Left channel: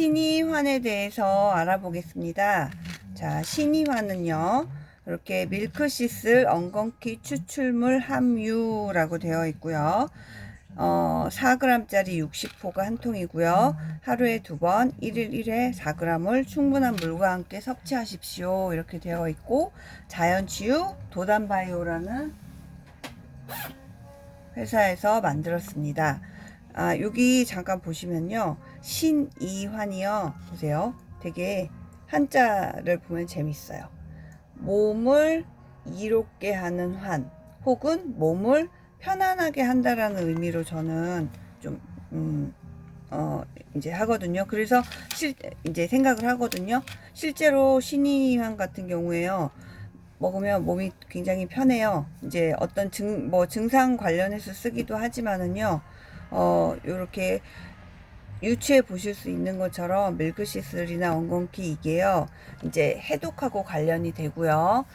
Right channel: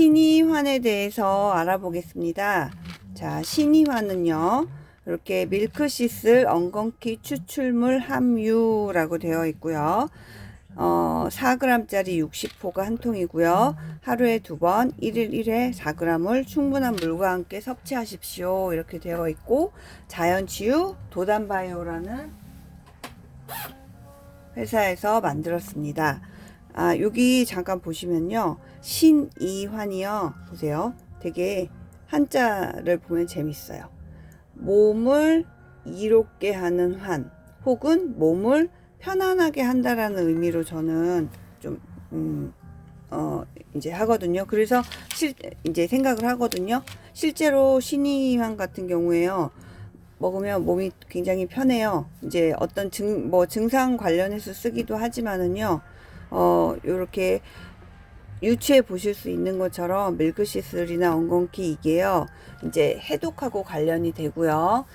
신이환에 대해서 알아보겠습니다. 자, 신이환은요. 이렇게 밀크시슬 엉겅퀴 추출물 함유라고 되어 있고요. 어, 4g짜리 60호가 한 통이고요. 하루에 두 번 1일 1회 4g을 충분한 물과 함께 섭취하십시오. 이렇게 되어 있고 자연치유 도단바이오라는 회사에서 만들었습니다. 아, 여기 잠깐 보시면요. 신이환이요. 보세요. 되게 한자를 보면 재밌어요. 몸을 이롭게 하는 환 혹은 몸을 편안하게 한다라는 의미로 저는 좀 음, 어, 이제 하거든요. 그래서 실 이제 생각을 하거든요. 실제로 신이환 같은 경우에요. 먹으면 몸이 굉장히 편해요. 이제 어떤 증, 뭐 증상 관련해서 쓰기도 하지만은요, 어, 요렇게 유추해 보실 수 있는 것처럼 밀크시슬이나 엉겅퀴 이게요, 이제 해독하고 관련이 되고요.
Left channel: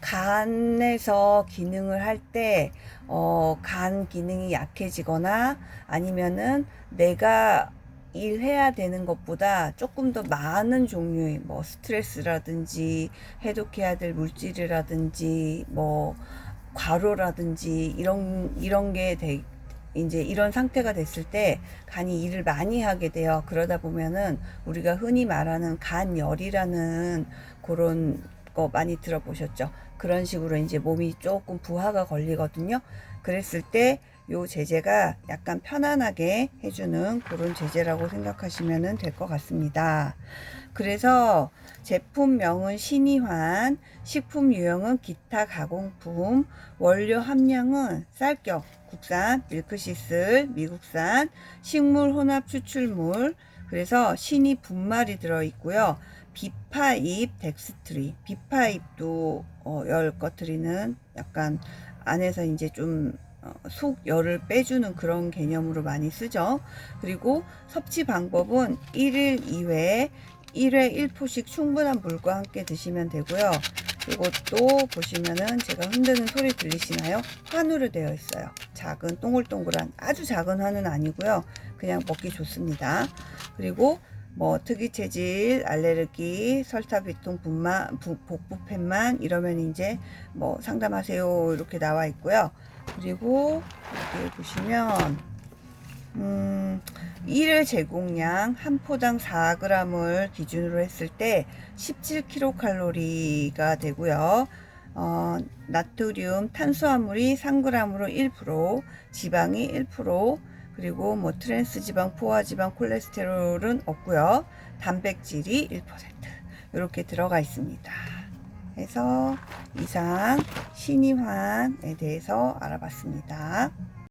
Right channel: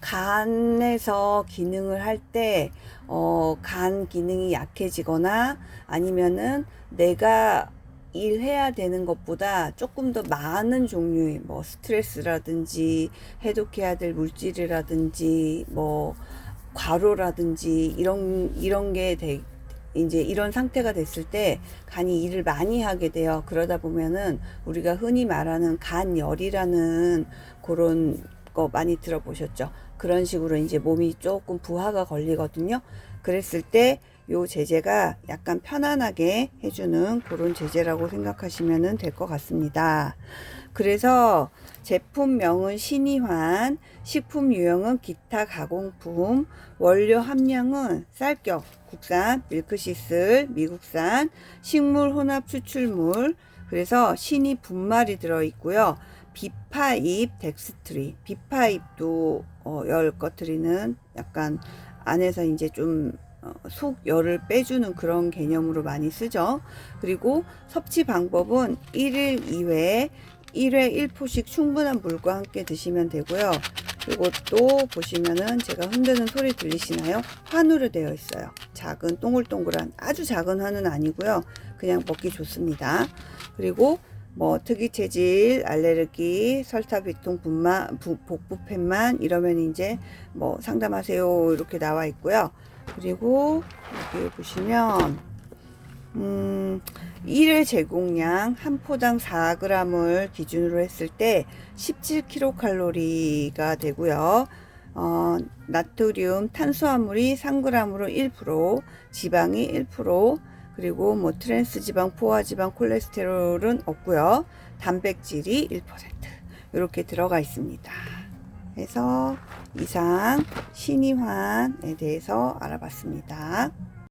간에서 기능을 할 때, 어, 간 기능이 약해지거나 아니면은 내가 일해야 되는 것보다 조금 더 많은 종류의 뭐 스트레스라든지 해독해야 될 물질이라든지 뭐 과로라든지 이런 이런 게 돼, 이제 이런 상태가 됐을 때 간이 일을 많이 하게 돼요. 그러다 보면은 우리가 흔히 말하는 간열이라는 그런 거 많이 들어보셨죠? 그런 식으로 이제 몸이 조금 부하가 걸리거든요. 그랬을 때 요 제재가 약간 편안하게 해주는 그런 제재라고 생각하시면 될 것 같습니다. 그래서 제품명은 신이환, 식품 유형은 기타 가공품, 원료 함량은 쌀격, 국산, 밀크시슬, 미국산, 식물 혼합 추출물, 그래서 신이 분말이 들어있고요. 비파잎 덱스트리, 비파잎도 어, 열 꺼트리는 약간 안에서 이제 좀 어, 속 열을 빼주는 그런 개념으로 많이 쓰죠. 그리고 섭취 방법은 1일 2회, 1회 1포씩 충분한 물과 함께 드시면 되고요. 이것도 보시면은 제가 흔드는 소리 들리시나요? 환으로 되어 있어요. 작은 동글동글한 아주 작은 환은 아니고요. 그냥 먹기 좋습니다. 그리고 뭐 특이 체질, 알레르기, 설사 비통, 분만, 부, 복부 팬만 이러면 이제 뭐 상담하세요 이렇게 나와 있고요. 그리고 여기 보시면 음, 1회 제공량 한 포당 4g을 기준으로 했을 때 17kcal가 되고요. 어, 나트륨, 탄수화물이 3g으로 1%, 지방이 1%, 그리고 뭐 트랜스 지방, 포화 지방, 콜레스테롤은 없고요. 단백질이 1% 이렇게 들어가 있습니다. 그래서 이상 신이환에 대해서 알아봤습니다.